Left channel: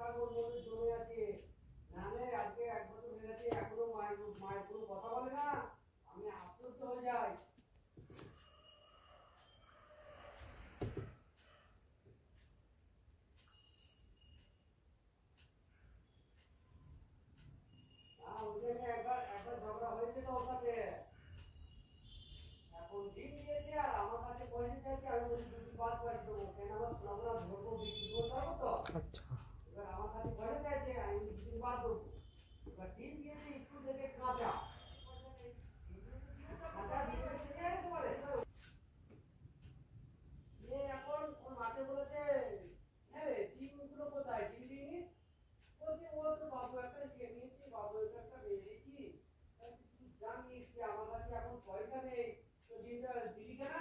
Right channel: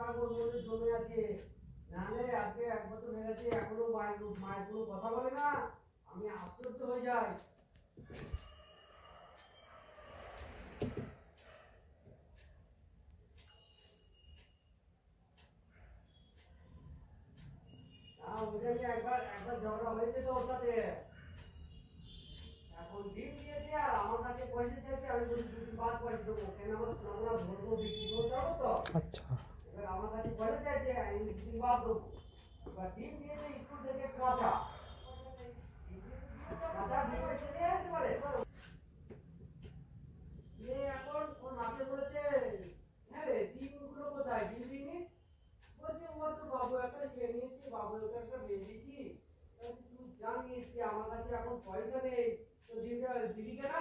টাকা ওর মধ্যে জমে আছে। নাহলে আজকে 1 বছর হয়ে গেছে এখনো মায়ের কোনো কথা বলে না। আমি আশ্চর্য হয়ে যাই। না ওইটা নিয়ে একবার একবার ঝগড়া হয়েছে তো ওর সাথে। এখন ডিম দিয়েছে আর আমার কাছে পয়সা চাইছে, আমি বলছি 2 দিন বাদ পয়সা দেবো। কেন আমার সোনাগুলো ভরবো, বিক্রি করে যাবো তো। আচ্ছা। এবার আমার কাছে পয়সা চাইছে, আমি 2 দিন বাদ দেবো। এবার ডিম দিয়েছে স্কুল থেকে কাঁচা। কাঁচা ডিম এসেছে একেবারে। এখন ওর মাকে বলেছে, হ্যাঁ রে ডিমগুলো কোথায়, ডিম দিইনি? বলছে ও তো বাবু একটা খেয়ে নিয়েছি, বাবু একটা বেঁধে দিয়েছি। তুই জানিস যে আমার কাছে এখন পয়সা নেই, তো ডিমটা দিলি কেনা?